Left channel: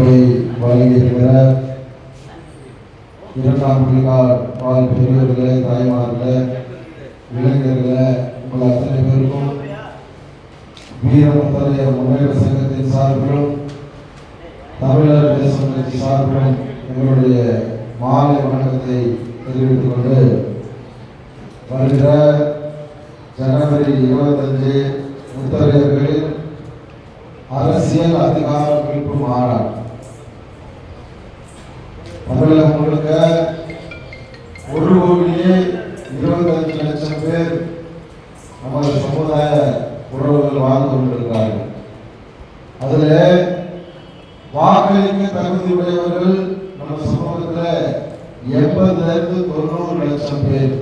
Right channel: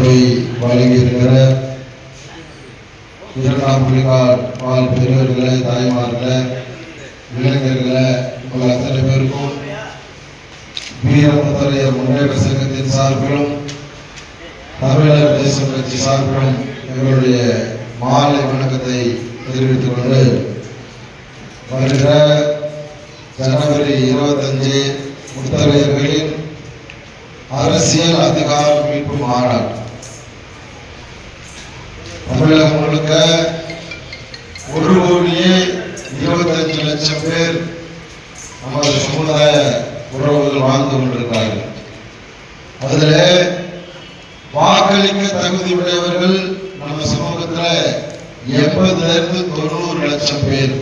போய் வழங்கியிருக்கிற இரண்டாம் புலிகால் வாழ் பெரியவர்களே, தாய்மார்களே, இளைஞர்களே, உங்கள் அத்தனை பேருக்கும் வீரமுத்தரையர் முன்னேற்ற சங்கத்தின் சார்பிலும் தமிழர் தேசம் கட்சி சார்பிலும் எங்களுடைய மாலை வணக்கத்தை தெரிவித்துக் கொண்டு வருகிற ஜனவரி 25 முத்தரையர்களின் அரசியல் அதிகார மீட்பு மாநாடு தமிழகம் முழுக்க 1,25,00,000 பேர் நமது சமுதாய உறவுகள் வாழ்ந்து கொண்டிருக்கிறார்கள். அதில் வாக்களிக்க தகுதி உடையவர்கள் நம்ம சமூகத்தில் 80,000 to 90,00,000 பேர்.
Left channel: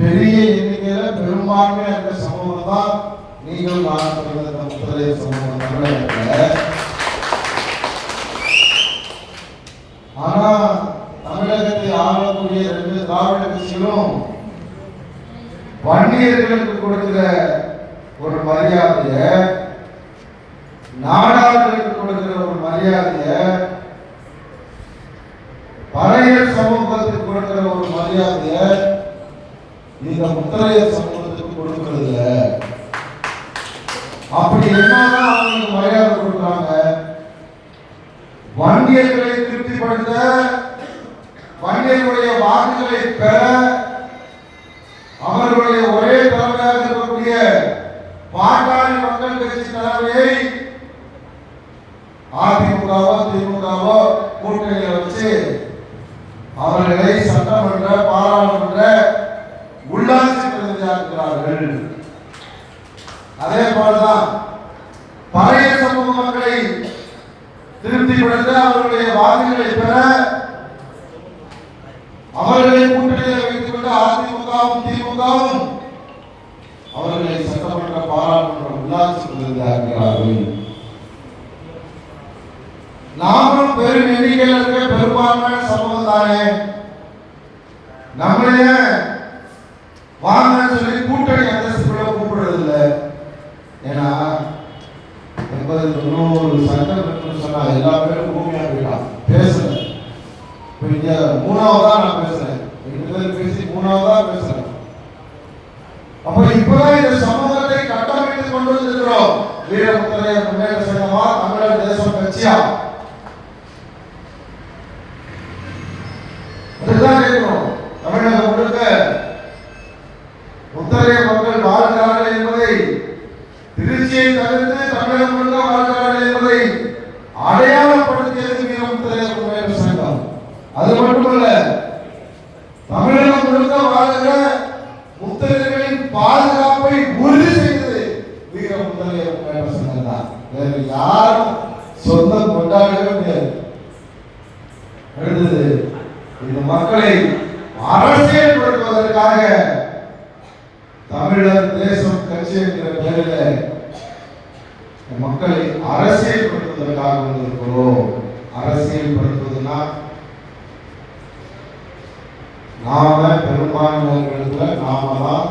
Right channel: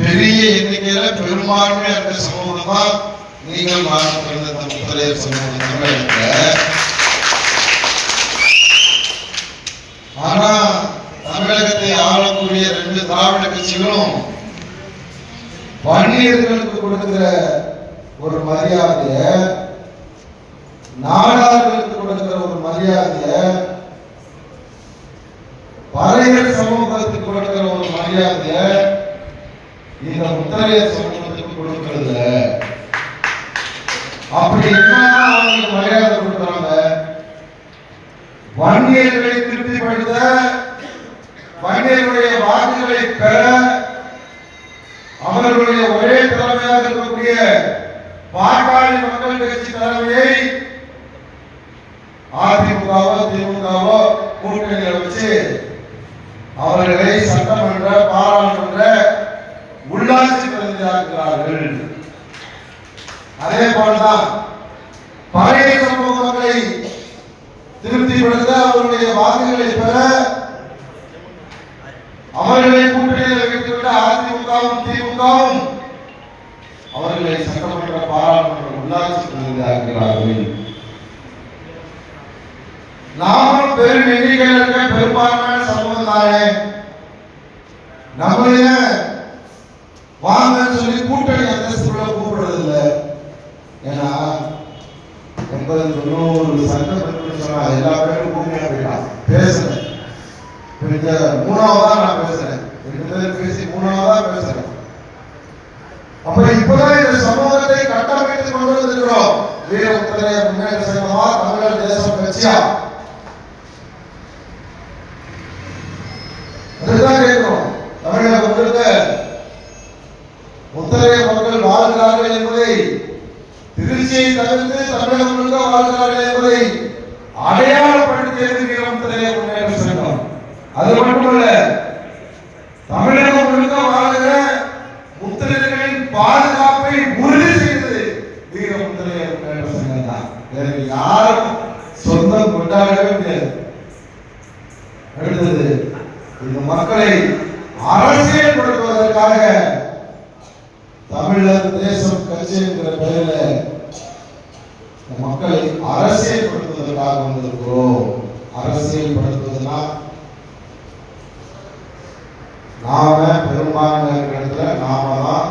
பெரிய எண்ணிக்கையில பெரும்பான்மையா இருக்கிற சமூகம் தான் நீங்கள் பிறந்த முத்தரையர் சமூகம் தமிழகத்தில். ஆனா தமிழகத்தை ஆளக்கூடிய 2 திராவிட கட்சிகளும் வன்னியர்களுக்கு கொடுக்கிற ஒரு மரியாதைய, நாடார்களுக்கு கொடுக்கிற ஒரு மரியாதைய, பறையர் சமூகத்துக்கு கொடுக்கிற ஒரு மரியாதைய இந்த முத்தரையர் சமூகத்துக்கு கொடுக்கிறது. அப்படி என்னன்னா அவங்களுக்கு மரியாதை கொடுக்குறாங்க. வன்னியர்களை திருப்திப்படுத்த, வன்னியர்களுடைய வாக்குகளை பெற அவர்களுடைய ஒரே தலைமையாக இருக்கக்கூடிய பாட்டாளி மக்கள் கட்சி தலைமையை அதிமுகவோ திமுகவோ கூட்டணியை வச்சு அவர்களை சட்டமன்ற, பாராளுமன்ற, உள்ளாட்சி பிரதிநிதியாக்குகிறார்கள். அதே போலதான் பழைய சமூக மக்களை திருப்திப்படுத்த, அவர்களுடைய வாக்குகளை பெற அவர்களை கூட்டணியில் வைத்துவிட்ட அதிமுகவும் திமுகவும் அவர்களை சட்டமன்ற, பாராளுமன்ற, உள்ளாட்சி பிரதிநிதியாக்குகிறார்கள். நாமும் பெரும் எண்ணிக்கையில் இருக்க பெரும்பான்மையான சமூகம் தானே. நம்மளைய வாங்க சொல்லி கூட்டணி அந்தஸ்துகளை கூப்பிடுறது இல்லை. ஏன்னா 80-90 சட்டம் சொன்னா எல்லா பேரும் பூமியா போயிட்டான். பேசுறேன், 3ஆவதா நான் பேசுறேன், 2 பேர் பேசி 3ஆவதா பேசுறேன். அப்ப இப்பதான் இந்த சமூகத்தை கட்டமைத்து கொண்டு வந்திருக்கிறோம். வீரமுத்தரையர் முன்னேற்ற சங்கமா, தமிழர் தேசம் கட்சியா, அதுதான் கேட்கிறோம். தமிழக மக்களுக்கு முத்தரையர் மக்கள் வாழ்கிறார்கள் என்பதை, திருச்சியை தவிர்த்து தமிழகம் முழுக்க வாழ்கிறார்கள் என்பதை அடையாளப்படுத்தியது வீரமுத்தரையர் முன்னேற்ற சங்கம். அது மட்டுமல்ல, தமிழகம் முழுக்க வாழ்கிற முத்தரையர்களின் பாதுகாப்பை உறுதி செய்தது வீரமுத்தரையர் முன்னேற்ற சங்கம் தான். வேற யாரும் சொந்தம் கொண்டாடவே முடியாது. அடுத்தது, இந்த மக்களை அரசியல்படுத்துவதற்காக தமிழர் தேசம் கட்சி என்கிற பெயரில் மக்களை அரசியல்படுத்துவதற்காக வந்திருக்கிறோம். அரசியல்படுத்துவதுன்னா நாம பெரும்பான்மையிடத்துல நாம தான்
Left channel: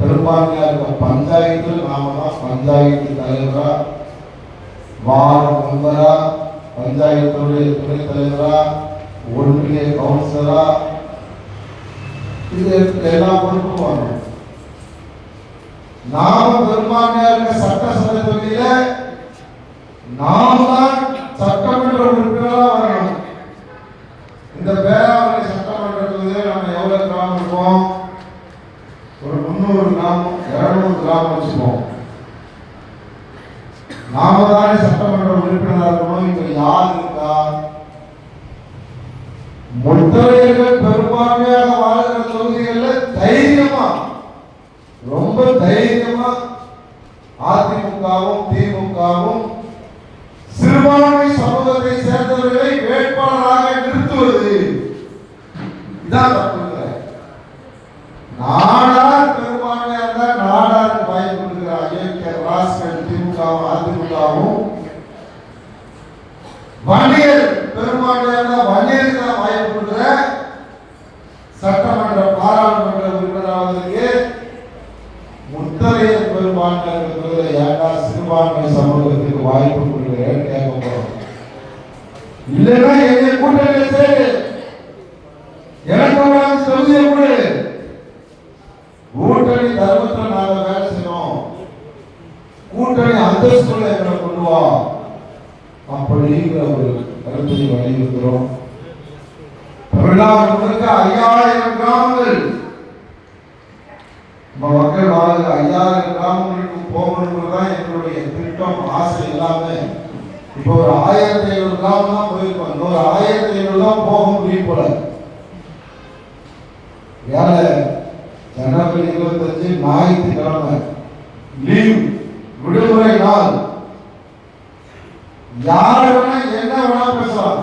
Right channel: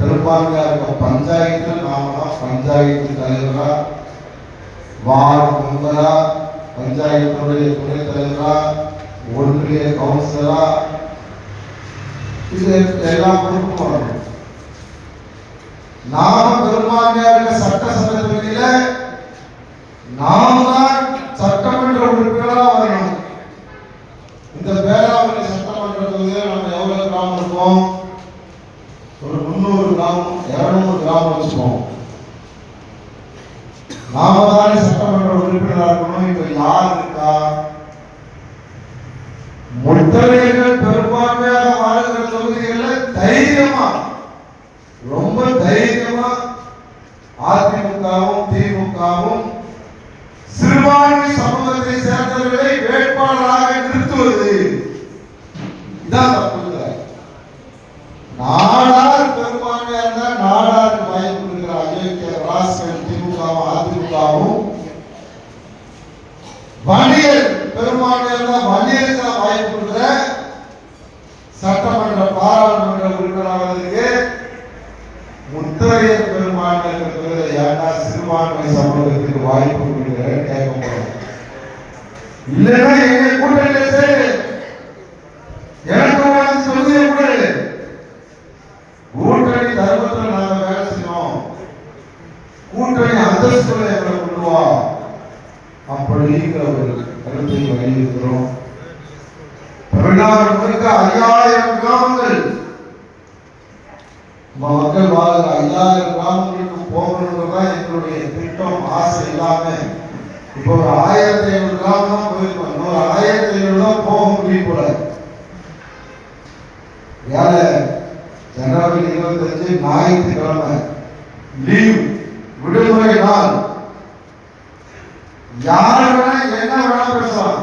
பெரும்பான்மையா இருக்க பஞ்சாயத்தில் நாம தான் பஞ்சாயத்து தலைவரா, வார்டு மெம்பரா, பஞ்சாயத்துடைய துணைத் தலைவரா, ஒன்றிய கவுன்சிலரா, இது எல்லாம் பொறுப்பு வரணும். நாம பெரும்பான்மையா இருக்க சட்டசபை தொகுதியில நாம தான் சட்டமன்ற உறுப்பினராக வரணும். இந்த பேராவூரணி சட்டமன்ற தொகுதியில் நம்ம எவ்வளவு கிராமம் இருக்கோம்? ஒரு 300 கிராமம், 200 கிராமம் வச்சுப்போம். நாம தானே சட்டமன்ற உறுப்பினராக இருக்கணும். இப்ப யார் இருக்கா? முத்தரையர்கள் பெரும்பான்மையாக வாழ்கிற தொகுதிகளில் தைரியமா, ரொம்ப தைரியமா அதிமுகவும் திமுகவும் சிறுபான்மை சமூகத்தை சேர்ந்தவர்களை வேட்பாளராக நிறுத்துவது இதான் தப்பு. நாடார் பெரும்பான்மையா இருந்தா நாடாருக்கு வாய்ப்பு இருக்கிற அயோக்கிய ராஸ்கல் திமுகவும் அதிமுகவும், வன்னியர் பெரும்பான்மையா இருந்தா வன்னியருக்கு தான் வாய்ப்பு இருக்கிற சட்டமன்ற, பாராளுமன்ற உறுப்பினராக பெரும்பான்மை இருக்கிறது, ஏன்னா சிறுபான்மை சமூகத்துக்கு வாய்ப்பு கொடுக்கிறேன் கேட்க போறோம். இல்லைன்னா எங்க கூட்டணியில சேரு, எனக்கு சொல்லுங்க கூட கூட்டணி தர்மத்தில் நாங்க வேலை செய்யணும், கூட்டணி அந்தஸ்துல எங்களை கொள்வோம் அப்படிங்கிற ஒரு கருத்தை வலியுறுத்துறோம். தமிழ்நாடு முழுக்க 5000 கிராமங்கள் மக்கள் வாழ்க்கை 5000 கிராமங்களுக்கு போகணுன்றதுதான் எங்களுடைய திட்டம், ஆசை எல்லாமே. இப்போ ஒரு 1500 கிராமம் தான் போயிருக்கோம், இன்னொரு 1500 தான் போக முடியும் போல. வேலை ஜனவரி 25 ஞாயிற்றுக்கிழமை லீவ், விடுமுறை நாள். யார் வேணா என்ன வேணா பேசலாம்.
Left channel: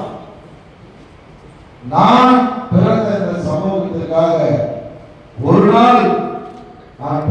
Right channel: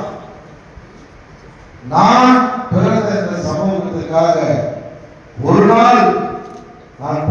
நான் பிறந்த இந்த சமூகத்துக்காக ஒரு நாள் நான்